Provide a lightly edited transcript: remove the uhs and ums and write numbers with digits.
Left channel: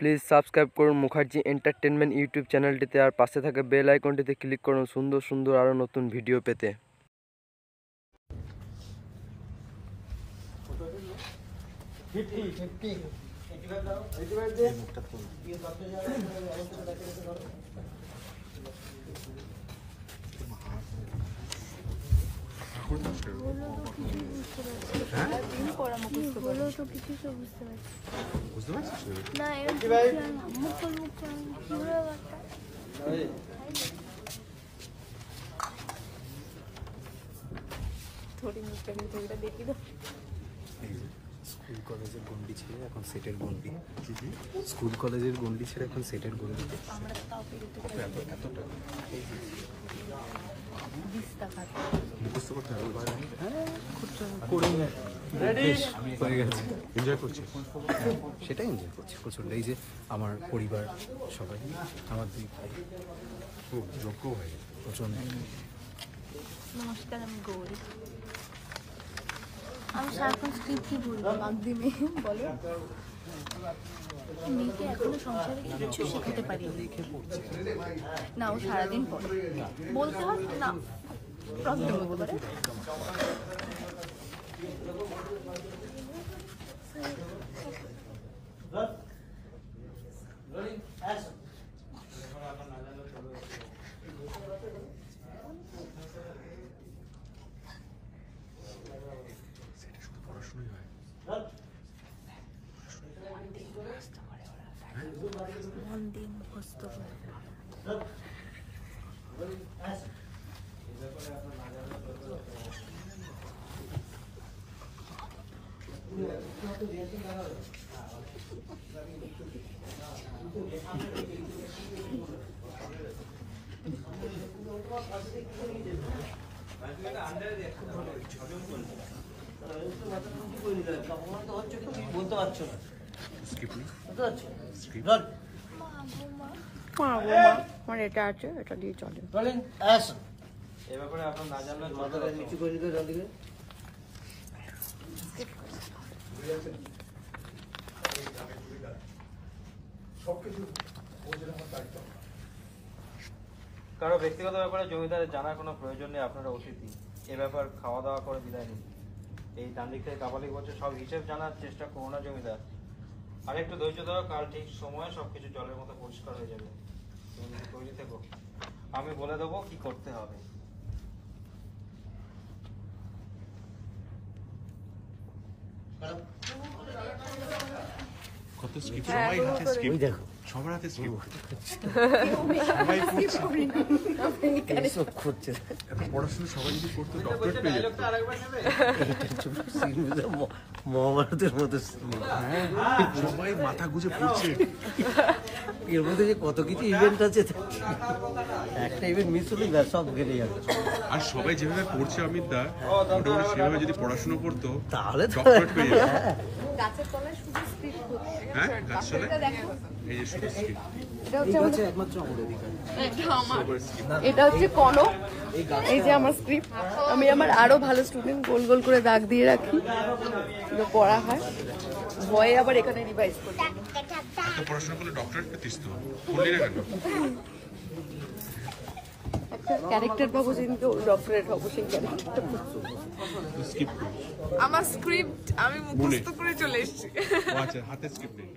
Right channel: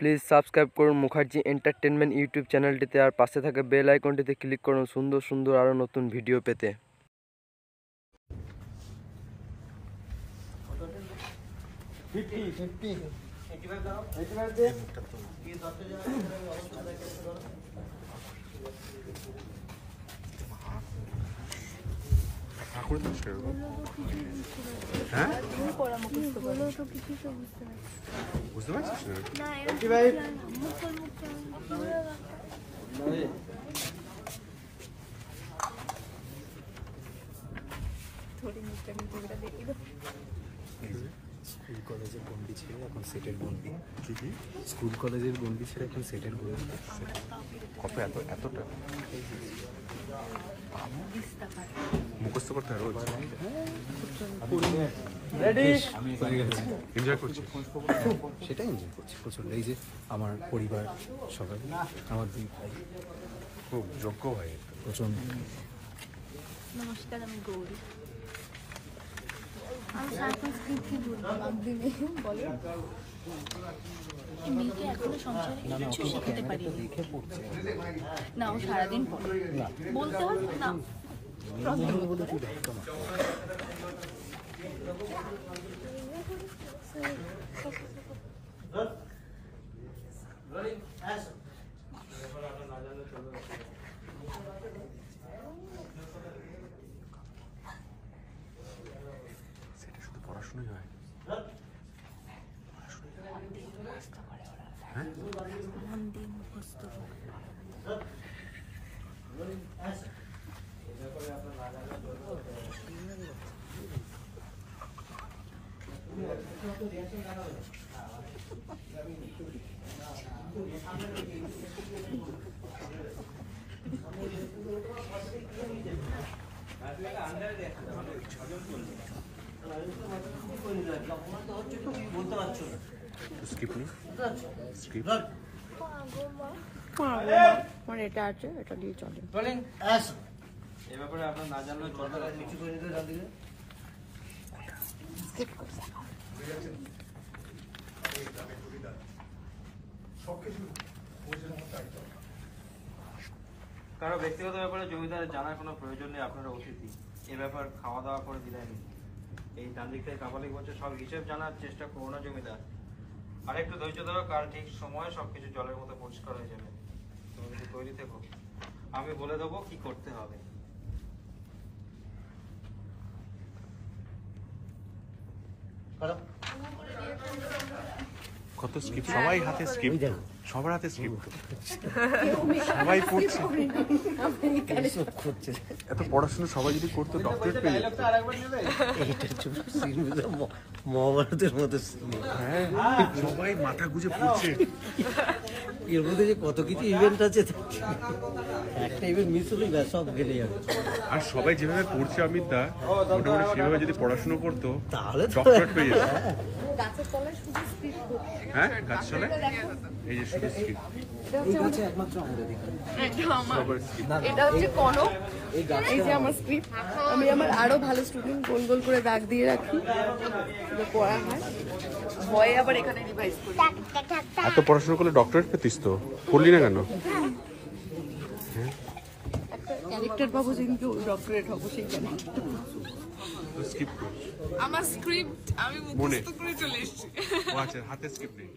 Please subscribe করুন Mukherjee entertainment YouTube চ্যানেলটিতে, আর পাশে থাকা বেল আইকনটিতে ক্লিক করুন সুন্দর সুন্দর আরও নতুন ভিডিও পেতে। বুঝতে পারছিস না? স্কুল কলেজের গন্ডি ছেড়ে এখন সেটের গন্ডি। স্কুল কলেজের গন্ডি ছেড়ে এখন সেটের গন্ডি। কত এতটা মুখস্থ করতে হবে। এনজয় করছি, সেটাই এনজয় করছি প্রচন্ড। এই যে আমার পরিবার সবাই, আমার দুই ভাই খুব যোগ্য ভাই প্রচন্ড। নমস্কার, আমি গৌরী। আমি সারাক্ষণ স্ক্রিপ্টই বলবো, বাগদি মেয়ে বলে মেয়েকে এখনো সংসারে কিছু শেখাতে পারিনি। না, ও সারাদিন পড়ে, বলতে হয় না, প্রবলেম হতে পারে। পড়াশোনাই হয়, মন দিয়ে মুখস্থ করে। বলতে পারছো না স্ক্রিপ্ট নেই, স্ক্রিপ্ট আমার এটা আছে, এটা দিয়ে চলে। এই ব্যাপারে আপনার না জানলে মাথাটা নিচু করে দিতে দাদিকে। কারো ব্যক্তিগত ব্যাপারে জমিদার জানার কোনো প্রয়োজন নেই, আপনারা অতিথি। এ ব্যাপার খাওয়া দাওয়া করে দিলেন। এই ডান দিক থেকে কাপালিক বলছে সব হিসেব জানার চেষ্টা করো না জমিদার। আর একটু ধৈর্য ধরো, কাল ঠিক সময়ে সবকিছু জলের মতো পরিষ্কার হয়ে যাবে। তুমি যদি তৈরি থেকো, আমি বলে দেবো কি করতে হবে। কত স্ক্রিপ্ট, সবাই হাতে স্ক্রিপ্ট, সবার হাতে স্ক্রিপ্ট, সবাই পড়ছে। এত পড়াশোনা সবাই যদি করতো ডক্টরেট পেয়ে যেত। মহাভারতের মতো। হ্যাঁ, সবাই মাথা গুজে পড়ছে। এর মধ্যে যে কত কিছু ইভেন্ট আছে, একটা ইভেন্ট মিস হলেই সব গেলে যাবে। আর সবাই যেভাবে পড়ছে অমিত দা, মোটামুটি সেভাবে যদি পড়াশোনা করতো তাহলে ডক্টরেট পেয়ে যেত। গাছের তলায় শুধু স্ক্রিপ্ট করছে। হ্যাঁ, গাছ চলে, এই যে শুধু স্ক্রিপ্ট। একমাত্র আমাদের এটা হচ্ছে কনক, এই যে আমার স্ক্রিপ্ট। আমি আমার আরো ভালো স্টুডেন্ট গোল গোল করে দাগ দিয়ে রাখি, পড়া হয়। ভয়ে আবার এখানে রিভাইজ। এত পড়াশোনা করলে ডক্টরেট পেতিস তো, করলি না কেন? ক্যারেক্টার পাবো যেদিনকে ডক্টরেট হবো, সেই ক্যারেক্টার। স্ক্রিপ্ট আমার স্ক্রিপ্ট আমি মুখস্থ করে চলে এসেছি। আচ্ছা, হাতে স্ক্রিপ্ট নেই।